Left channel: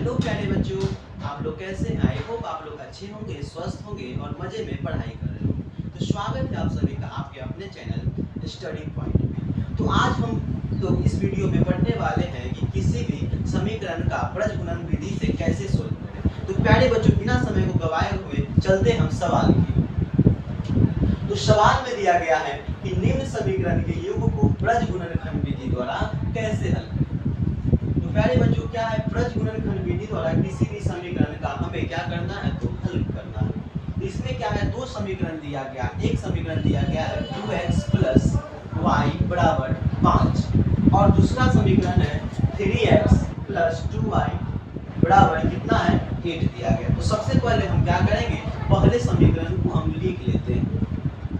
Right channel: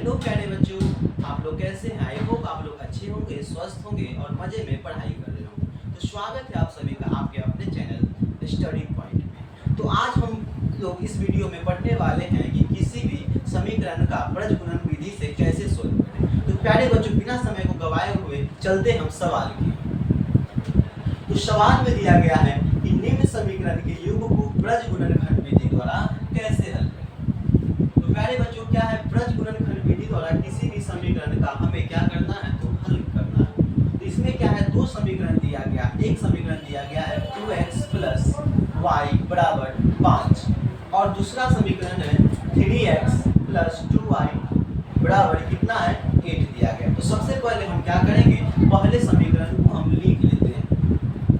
Hello प्यारे बच्चों, आप लोग कैसे हैं? आई होप आप लोग अच्छे होंगे, स्वस्थ होंगे और मजे में पढ़ाई कर रहे होंगे। तो स्वागत है आप सभी का आपके अपने चैनल स्टडी पॉइंट में। तो आज हम लोग इस वीडियो में पढ़ने वाले हैं कि किसी भी समीकरण का प्रजगुणन विधि से कैसे सोल्व करें। तो प्यारे बच्चों, बिना समय को गवाए हुए चलते हम सवाल की। तो सवाल में दिया गया है कि निम्न समीकरण के योग को प्रजगुणनखंड विधि द्वारा कैसे हल करें। तो प्यारे बच्चों, क्या है प्रजगुणनखंड विधि द्वारा किसी भी समीकरण का हमें क्या करना है, तो हल करना है। तो इसमें क्या है, दो समीकरण दिया गया। एक समीकरण दिया गया है 2x + y = 5 और दूसरा समीकरण है 3x + 2y बराबर कितना है, 8 दिया गया। तो सबसे पहले हम क्या करेंगे, पहले समीकरण को हम लिख लेते हैं।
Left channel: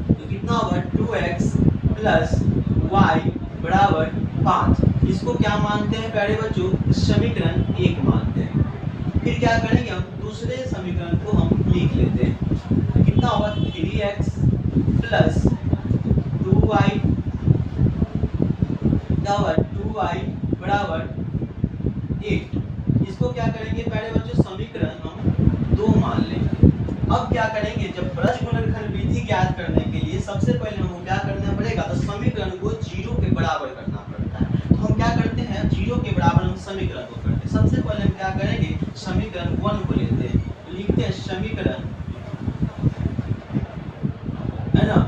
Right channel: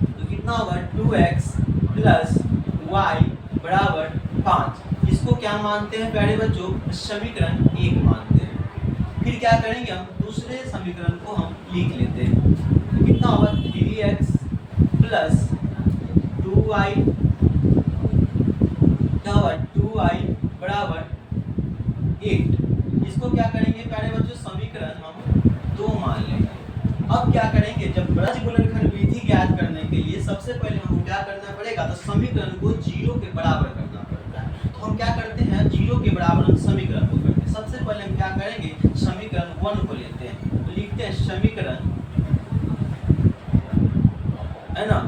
तो कितना होगा, 2x + y बराबर 5। इसको क्या मानते हैं प्यारे बच्चों, समीकरण 1 मानते हैं। फिर क्या करेंगे, हम दूसरे समीकरण को हम लिख लेते हैं। तो कितना होगा, 3x + 2y बराबर 8। इसको क्या करेंगे प्यारे बच्चों, समीकरण हम 2 मान लेंगे। अब क्या करेंगे, जब प्रजगुणनखंड विधि ज्ञात करने के लिए सबसे पहले हमको क्या करना पड़ेगा, तो समीकरण को 0 के बराबर करना पड़ता है। तो हम क्या करते हैं, 0 के बराबर हम समीकरण को करते हैं। सबसे पहले हम क्या करेंगे, समीकरण 1 को लेते हैं। तो लिखते हैं समीकरण, है ना,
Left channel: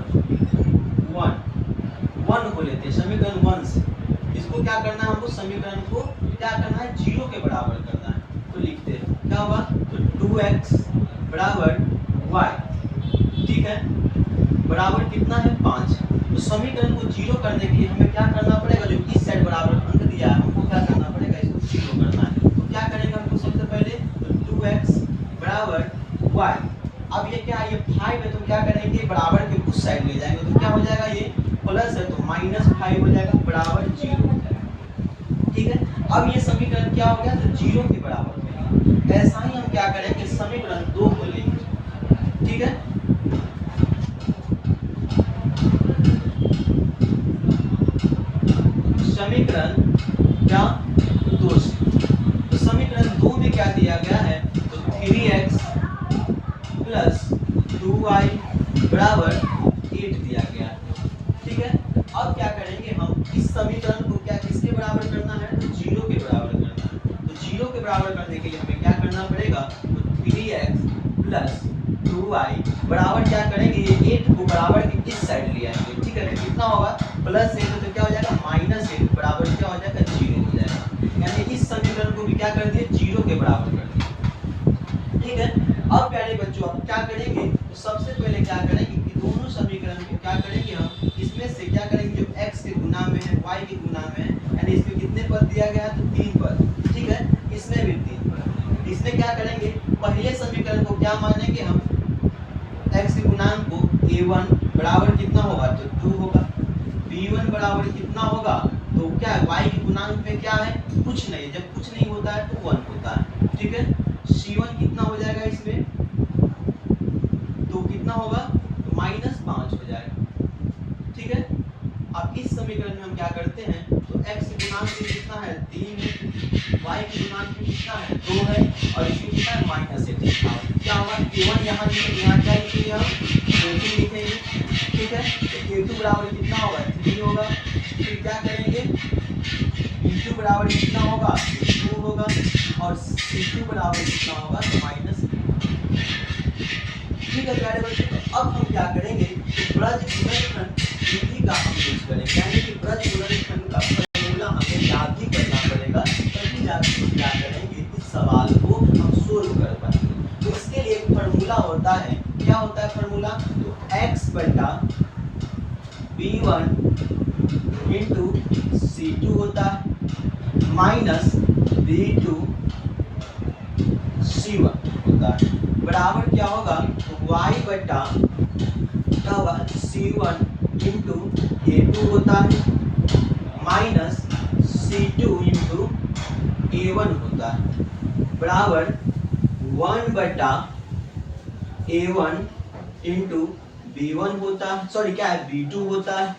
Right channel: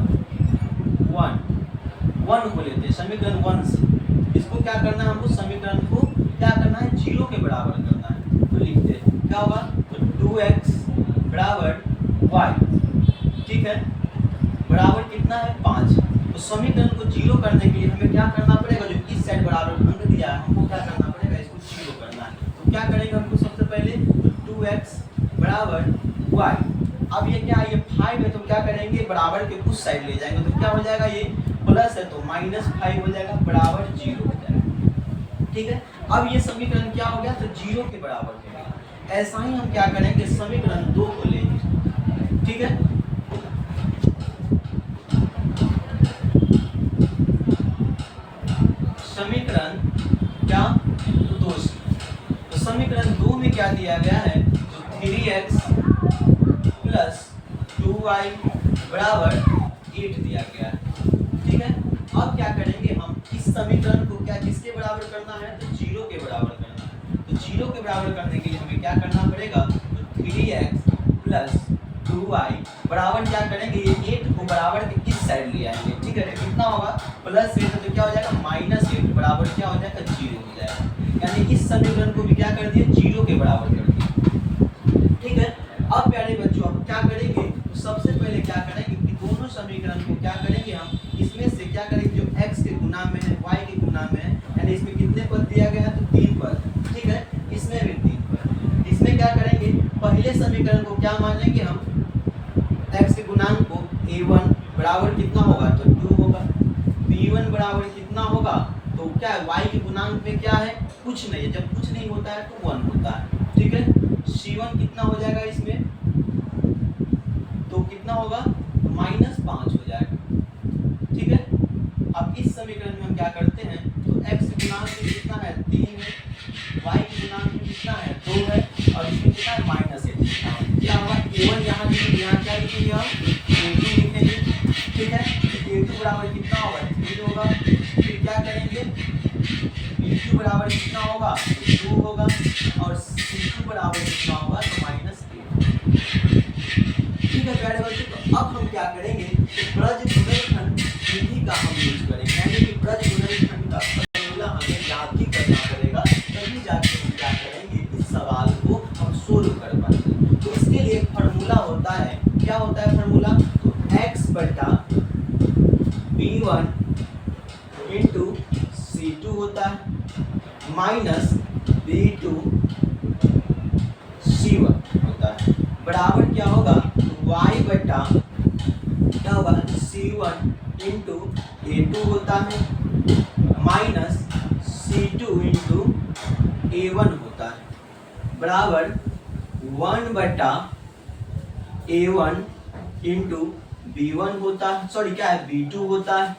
1 को लेते हैं समीकरण 1 से। इसको क्या करना है, हमको समीकरण को क्या करना है, 0 के बराबर करना है। तो लिखते हैं क्या होगा, तो 2x बराबर y, ठीक है, बराबर कितना है, 5। तो समीकरण को 0 करने के लिए हमें क्या करना पड़ेगा, जो इस साइड बराबर अंक दिया है हमको क्या करना पड़ेगा, इसको 0 करना है। तो क्या करेंगे हमको, सबसे पहले 2x बराबर y। अब ये क्या है, ये 5 है, तो क्या करेंगे, बराबर के उस साइड ले जाएंगे। तो क्या हो जाएगा, ये प्लस है तो -5 हो जाएगा, बराबर 0 हो जाएगा। ठीक है, अब ये समीकरण क्या हो गया, तो 0 के बराबर हो गया। ऐसा ही हम क्या करेंगे, समीकरण 2 को लेंगे। ठीक है, समीकरण क्या, 2 से। तो समीकरण 2 में क्या दिया गया है, तो 3x + 2y बराबर 8 दिया गया है। ठीक है, अब क्या करेंगे, हम इस समीकरण को क्या किसके बराबर करना है, तो 0 के बराबर करना है। तो 0 के बराबर करने के लिए हमें क्या करना पड़ेगा, तो 3x + 2y बराबर क्या करेंगे, ये 8 को बराबर के इस साइड ले आएंगे। ठीक है, तो कितना होगा, +8 तो क्या हो जाएगा, -8 बराबर क्या हो जाएगा, 0 हो जाएगा। यानी इस समीकरण को भी क्या कर दिए, 0 के बराबर कर दिए। ठीक है, अब प्यारे बच्चों अब क्या करेंगे, तो सबसे पहले क्या करेंगे कि दोनों समीकरण को क्या करेंगे, हम इसमें से क्या करेंगे, जो x के गुना में है, y के गुना में है, यानी इसमें कितने पद दिया गया है, तो 3 पद। ठीक है, इसमें भी 3 पद। इसमें क्या करेंगे, पहले समीकरण को क्या मानेंगे हम, x के गुणांक को a1 बराबर कितना होगा, तो 2 होगा। b1 बराबर कितना होगा, तो क्या है, y के गुणांक में क्या है, कुछ नहीं है। जब कुछ नहीं होता है तो 1 होता है। ठीक है, c1 कितना हो जाएगा इसमें, तो कितना होगा, तो -5 हो जाएगा। ठीक है, अब इस समीकरण में हम क्या करते हैं, तो x के गुणांक में कितना है, 3 है, y के गुणांक में कितना है, 2 है, और इसमें कितना है, -8। क्या होगा, a1 यहाँ लिखेंगे, यहाँ क्या लिखेंगे, हम a2 लिखेंगे। ठीक है, तो a2 बराबर कितना होगा, 3 होगा। फिर क्या करेंगे, b2 बराबर कितना होगा, 2 होगा, और c2 बराबर कितना होगा, तो -8। ठीक है प्यारे बच्चों, तो अब हम क्या करेंगे, प्रजगुणनखंड विधि का हम यूज करेंगे। यानी कि प्रजगुणनखंड का फॉर्मूला हमें याद ही करना पड़ेगा, तभी जाके हम क्या करेंगे, इस सवाल को हम सोल्व कर पाएंगे। तो इसके लिए एक फार्मूला होता है, क्या होता है फार्मूला, तो x बटा b1 इंटू c2 होता है माइनस b2 c1 होता है, बराबर क्या होगा, तो y बटा c1 इंटू a2 होता है माइनस c2 इंटू a1 होता है, बराबर 1 बटा a1 इंटू b1 होता है, सॉरी क्या है, b2 होता है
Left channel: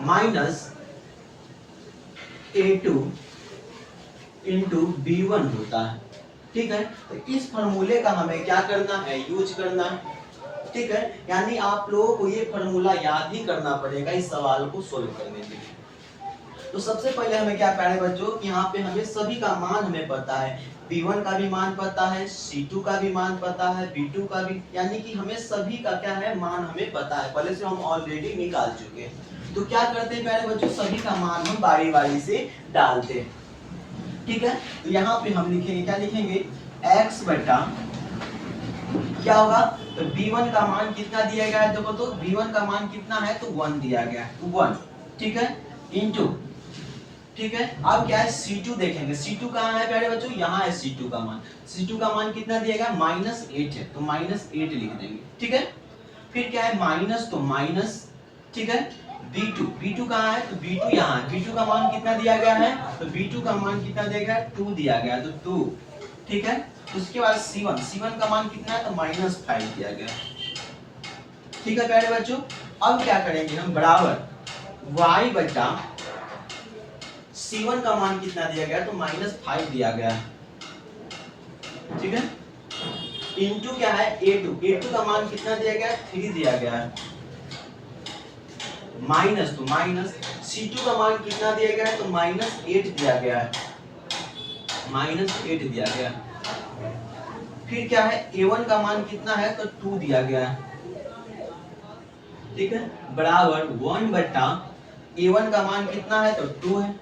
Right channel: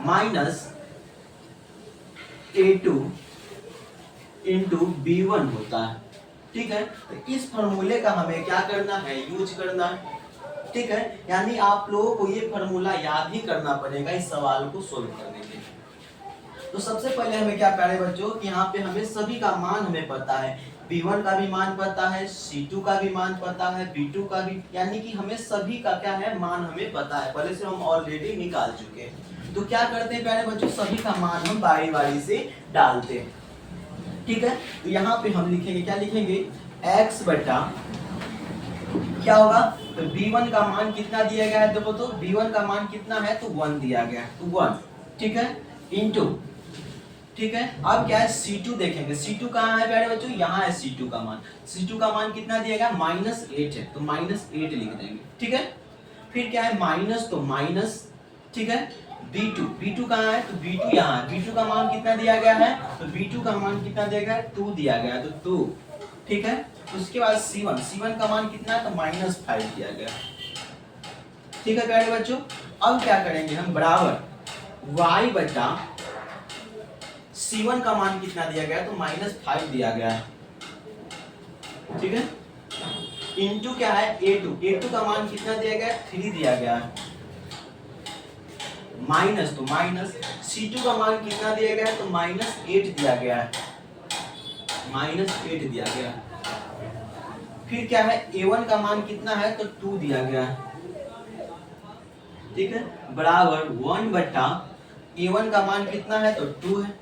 माइनस a2 इंटू b1 होता है। ठीक है, तो इस फॉर्मूले का हमें क्या करना है, यूज करना है। ठीक है, यानी आप लोगों को ये फॉर्मूला याद ही करना पड़ेगा इस सवाल को सोल्व करने के लिए। तो सबसे पहले हमें क्या करना है बच्चों कि यहाँ पे हमें सभी का मान हमें पता है, B1 का भी मान पता है, C2 का भी मान पता है, B2 का भी, यानी कि हमें सभी का क्या है, मान हमें पता है, पहले से हम ऑलरेडी निकाल चुके हैं। तो क्या करते हैं प्यारे बच्चों, सभी का मान हम बारी बारी से डालते हैं। ठीक है, तो यहाँ पे हम लिखेंगे, क्या लिखेंगे, x बटा क्या होगा, तो B1 का मान कितना दिया गया है, देखो तो B1 का मान कितना है, तो 1 दिया गया है, तो 1, ठीक है, इनटू, ठीक है, अब क्या है C2 देखेंगे, C2 कहाँ है प्यारे बच्चों, यहाँ है C2 का मान, C2 का मान कितना दिया गया, -8 है, तो -8 लिख देंगे। ठीक है, फिर क्या है, माइनस, तो माइनस, ठीक है, B2 कहाँ है, तो B2 यहाँ है, B2 का मान कितना दिया गया है, तो B2 का मान कितना दिया गया है, 2 दिया गया है, तो 2, ठीक है, उसके बाद C1 का मान कितना है, तो -5 दिया गया। ठीक है प्यारे बच्चों, अब क्या करेंगे हम, बराबर y बटा C1 का मान कितना दिया गया है, तो -5 दिया गया है। ठीक है, इनटू क्या है, A2 का मान कितना दिया गया है, 3 दिया गया है, माइनस, तो माइनस C2 का मान कितना दिया गया है, तो -8 दिया गया है, -8 दिया गया है। फिर क्या है, A1 का मान कितना है, तो 2 दिया गया है। ठीक है, बराबर 1 बटा A1 का मान कितना है, तो 2 है,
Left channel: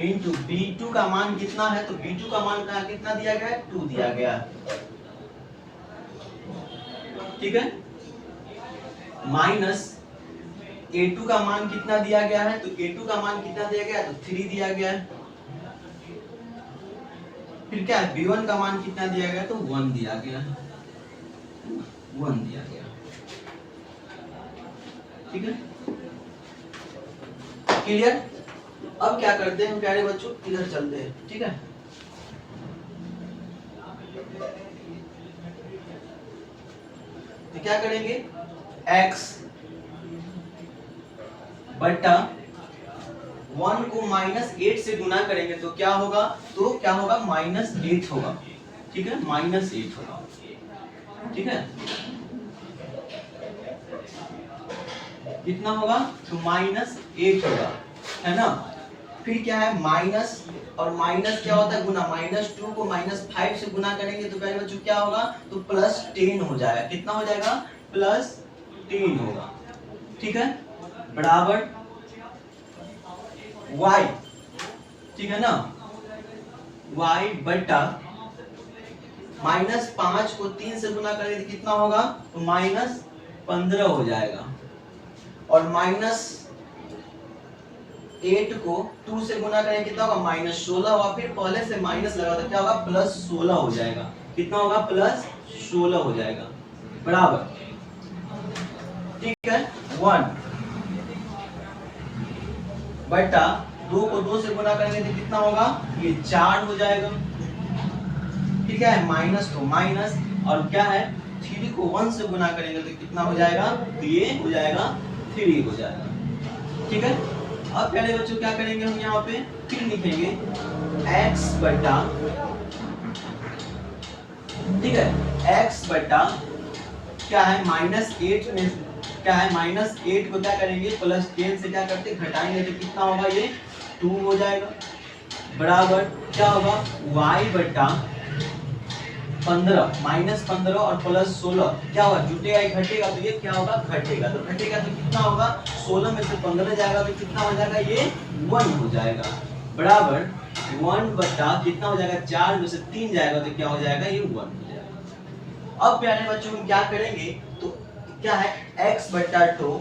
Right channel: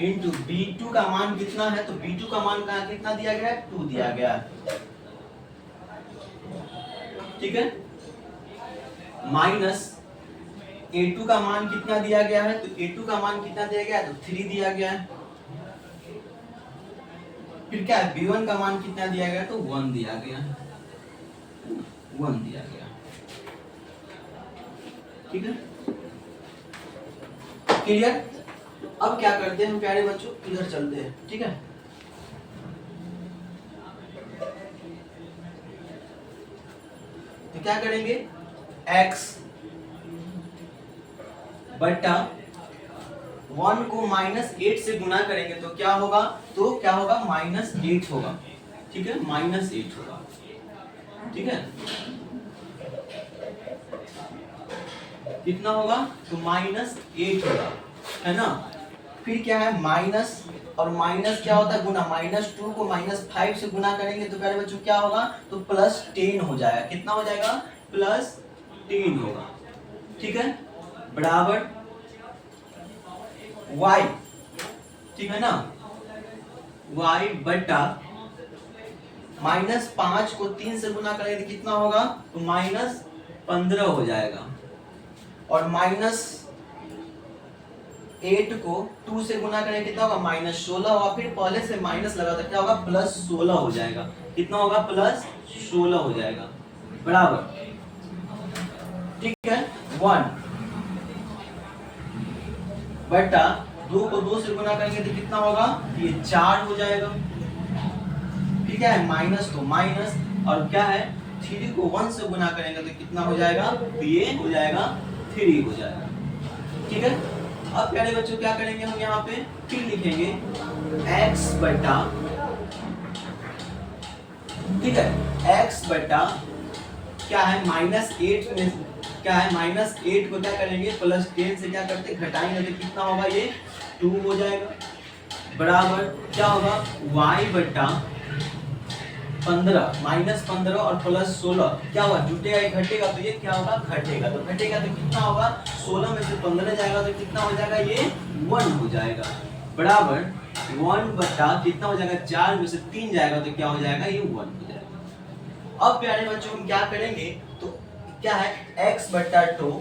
इनटू B2 का मान कितना है, तो B2 का मान कहाँ कितना दिया गया है, 2 दिया गया है। ठीक है, माइनस A2 का मान कितना दिया गया है, तो A2 का मान कितना दिया गया है, तो 3 दिया गया है। फिर क्या है, B1 का मान कितना दिया गया है, तो 1 दिया गया है, 1 दिया गया। ठीक है, क्लियर। अब क्या करते हैं हम प्यारे बच्चों, इधर चलते हैं। ठीक है, तो क्या करेंगे, x बटा 1 को -8 से गुना करेंगे तो क्या होगा, तो क्या होगा, -8 होगा। ठीक है, -8 होगा। ठीक है, कितना होगा, तो -8 होगा, है ना। फिर क्या है, माइनस, और माइनस क्या होता है, गुना, -2 को -5 से गुना करेंगे तो प्यारे बच्चों क्या होगा, तो +10 हो जाएगा। कितना हो जाएगा, +10 होगा। ठीक है, बराबर y, ठीक है ना, y बटा -5 को 3 से गुना करेंगे तो कितना होगा, तो -15 हो जाएगा, और -8 को 2 से गुना करेंगे कितना होगा, -16 होगा। फिर पहले से माइनस लगा तो क्या होगा, +16 हो जाएगा। कितना होगा, +16 हो जाएगा, बराबर, ठीक है, 1 बटा 2 को 2 से गुना करेंगे तो कितना होगा, ये 4 हो जाएगा। फिर क्या है, माइनस, तो माइनस, और क्या है, 3 को 1 से गुना करेंगे तो कितना हो जाएगा, तो ये हो जाएगा 3 हो जाएगा। ठीक है, अब प्यारे बच्चों क्या करेंगे हम, यहाँ पे फिर लिखेंगे x बटा, ठीक है, x बटा क्या है, -8 में क्या है, -8 को क्या करेंगे, +10 से क्या करते, घटाएंगे तो कितना होगा, ये 2 हो जाएगा, बराबर क्या होगा, y बटा 15, -15 और +16 क्या होगा, जुटेगा या घटेगा, तो ये क्या होगा, घटेगा। तो घटेगा तो कितना होगा, 16 में से 15 जाएगा तो कितना हो जाएगा, ये 1 हो जाएगा, बराबर 1 बटा कितना हो जाएगा, 4 में से 3 जाएगा तो क्या हो जाएगा, ये 1 हो जाएगा। अब प्यारे बच्चों हम क्या करेंगे, तो क्या है, x बटा 2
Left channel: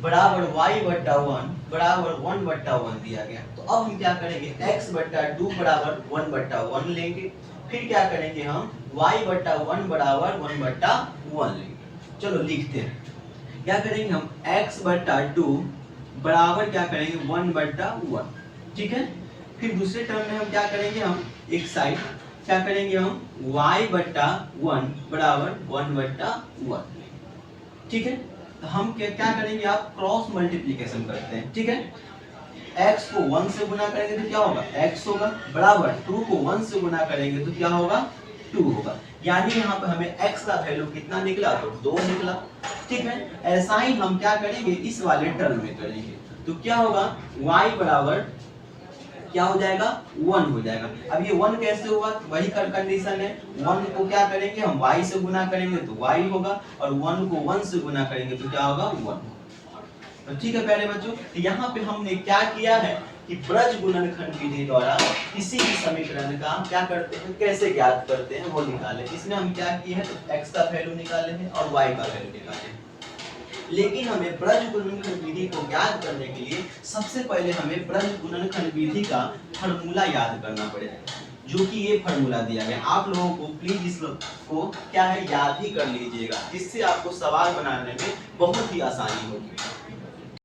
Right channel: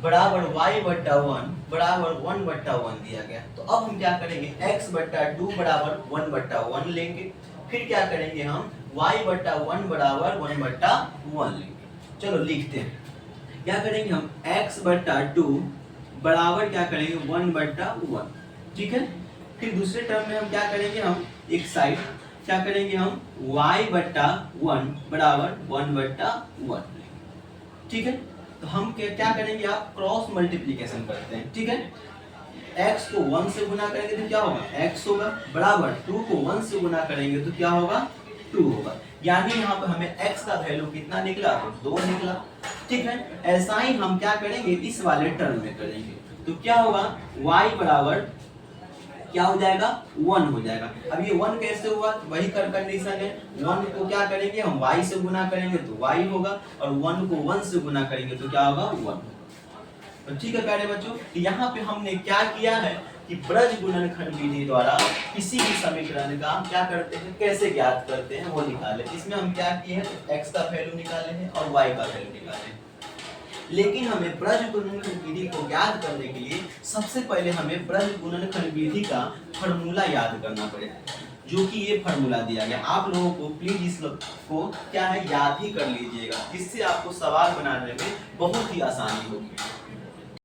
बराबर y बटा 1 बराबर 1 बटा 1 दिया गया। तो अब हम क्या करेंगे, x बटा 2 बराबर 1 बटा 1 लेंगे। फिर क्या करेंगे हम, y बटा 1 बराबर 1 बटा 1 लेंगे। चलो लिखते हैं, क्या करेंगे हम, x बटा 2 बराबर क्या करेंगे, 1 बटा 1। ठीक है, फिर दूसरे टर्म में हम क्या करेंगे, हम एक साइड क्या करेंगे, हम y बटा 1 बराबर 1 बटा 1। ठीक है, तो हम क्या करेंगे, आप क्रॉस मल्टीप्लिकेशन करते हैं। ठीक है, x को 1 से गुना करेंगे तो क्या होगा x होगा, बराबर 2 को 1 से गुना करेंगे तो क्या होगा 2 होगा। यानी यहाँ पे हमें x का वैल्यू कितना निकला, तो 2 निकला। ठीक है, ऐसा ही हम क्या करेंगे इस वाले टर्म में करेंगे, तो क्या होगा y बराबर क्या हो जाएगा 1 हो जाएगा। अब ये 1 कैसे होगा, वही कंडीशन है, 1 को क्या करेंगे हम y से गुना करेंगे तो y होगा, और 1 को 1 से गुना करेंगे तो क्या होगा 1। तो ठीक है प्यारे बच्चों, तो यहाँ पे हमने क्या किया है कि ब्रज गुणनखंड विधि द्वारा किसी भी समीकरण का क्या करते हैं, कैसे ज्ञात करते हैं वो निकाले। इसमें हम क्या किए हैं, x का वैल्यू निकाले हैं और y का वैल्यू निकाले हैं। लेकिन हमें ब्रज गुणनखंड विधि को ज्ञात करने के लिए सबसे पहले हमें ब्रज गुणनखंड विधि का फॉर्मूला याद करना पड़ेगा, जो कि ये फॉर्मूला दिया गया। आप लोगों को प्लीज इस को क्या है याद ही कर लीजिएगा, जिससे आपको सवाल बनाने में बहुत ही आसानी होगी।